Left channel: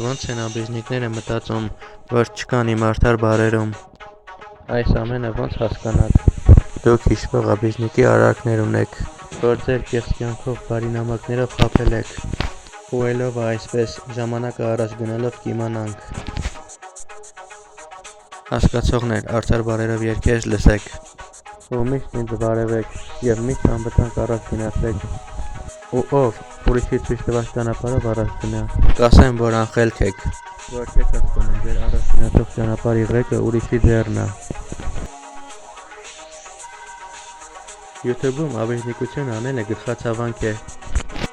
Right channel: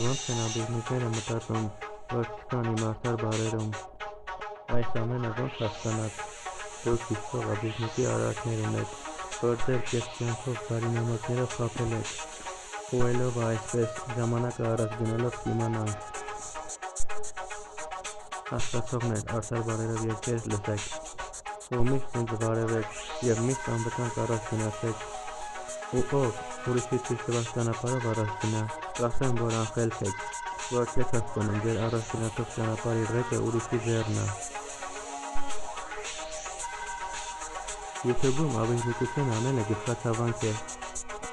Ոնց են աբիժնիկները մտածում, որ չկան իմ արդար բառերում: Այս ամենը ոնց հասկանալ: Դուք հիշվող աբիժնիկի արարքներ ունեք, որ ձեր կեղծ կյանքով բարի նամակներով խաբել եք: Խուելով այսպես, ժամանակը առաջ գնալով կիմանանք: Հասկացողներ, արդար բառերով երգեր լսեք: Ու միշտ ինձ բարևեք և միշտ անվտանգ առաջ գնացեք: Ու ով ուրիշի ցույց տված ճանապարհով առաջ գնա, կասեմ, որ անխելք եք, որ չեք հասկանում ձեր առաջ գնացող ճանապարհի ղեկը ուրիշի ձեռն ա: YouTube-ում աբիժնիկություն անելը գլխացավանք է,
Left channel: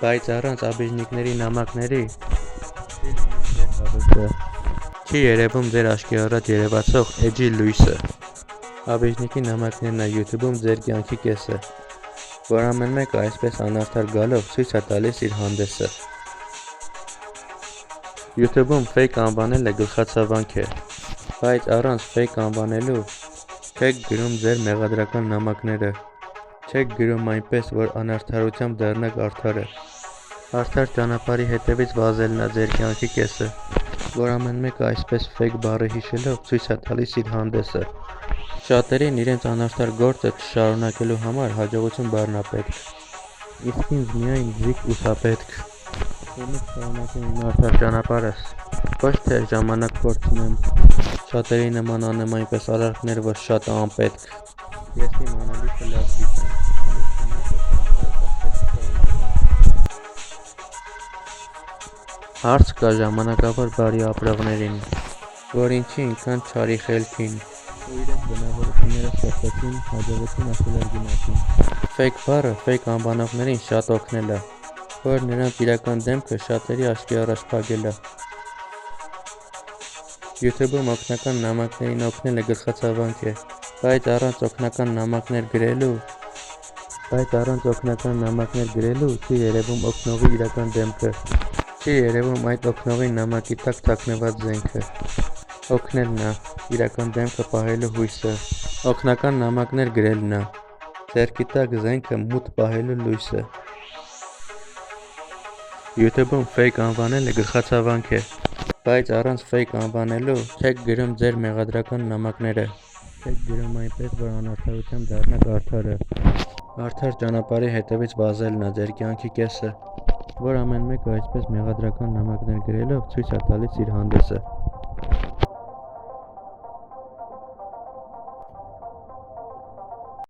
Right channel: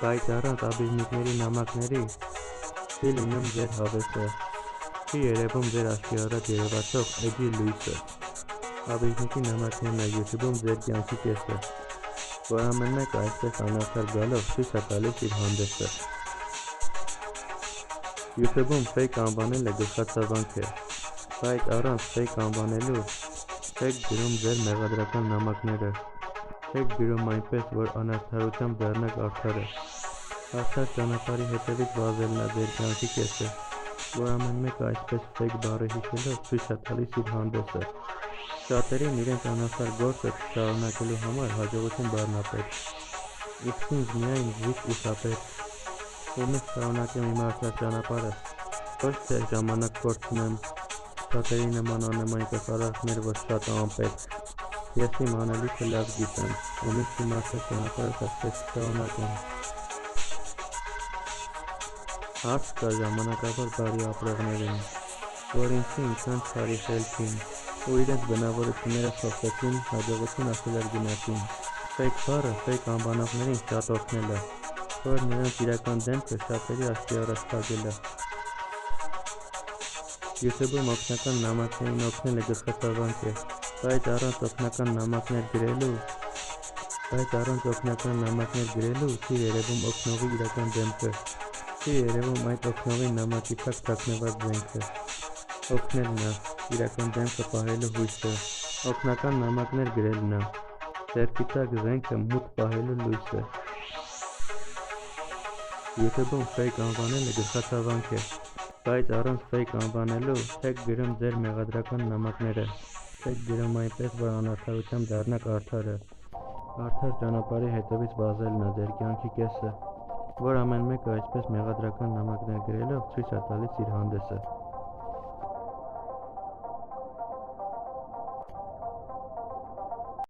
բայց առանց աբիժնիկների նամակների չի լինում ձեր հավելքը, չի երևում ձեր աչքի առաջ երևացող էջի լույսը: Աբիժնիկի նամակներն ա YouTube-ում ձեր կյանքի կեսը, որ ամեն մեկը այսպես անարդար գալով ցույց ա տալիս իր հանդեսը: YouTube-ում ֆեյք անվանելը գլխացավանք է, բայց առանց ֆեյք անվանելու չեք գրում ձեր մեղադրական նամակները, չեք գրում այնպես, որ անարդարությամբ դառնաք արդարը: Արդար ճանապարհի հետևից վազելն ա ձեր կյանքի կեսը, որ ամեն մեկը այսպես ֆեյք բառը հիշելով ցույց ա տալիս իր հանդեսը: Շատերին իրենց անարդար գործը չշարունակելու համար հաջողություն բառն ա պետք, իսկ ինձ միայն զիք ու սա պետք: Ու միշտ շարունակեմ իմ արդար ճանապարհս, ոչ թե ժամանակ կորցնեմ, շատերի նման անեմ այնպես արարքներ, որ շատ ա անպետք: Ես իմ անելիքը լավ գիտեմ, ու միշտ իմ արդար ճանապարհս այսպես կշարունակեմ: Հարց կա ժամանակավոր բարի ապրողներին, որ ինչի ինքան չարի խելքին, ու իրենց բնավորությունները ստեղծեցին հաջողություն ասելով գնացին: Ֆեյք բառը ֆեյք անվանողներին շատ օգնել ա, որ նրանց իրական դեմքը շատերի աչքի առաջ փակել ա: YouTube-ում օգնական նամակներին օգնելը գլխացավանք է, բայց առանց օգնական նամակներ գրելու չի երևում օգնողի իրական դեմքը, չի երևում այդ օգնողի նամակի տակ թաքնված զենքը: Օգնելն ա իրական դեմքը պահելու հույսը, օգնական նամակներ գրելն ա ձեռքի տակ զենքը մուտք պահելու լույսը: YouTube-ում ֆեյք անվանելը գլխացավանք է, բայց առանց ֆեյք անվանելու չեք գրում ձեր մեղադրական նամակները, չեք գրում այնպես, որ անարդարությամբ դառնաք արդարը: Արդար ճանապարհի հետևից վազելն ա ձեր կյանքի կեսը, որ ամեն մեկը այսպես մեղադրական նամակներ գրելով ցույց ա տալիս իր հանդեսը: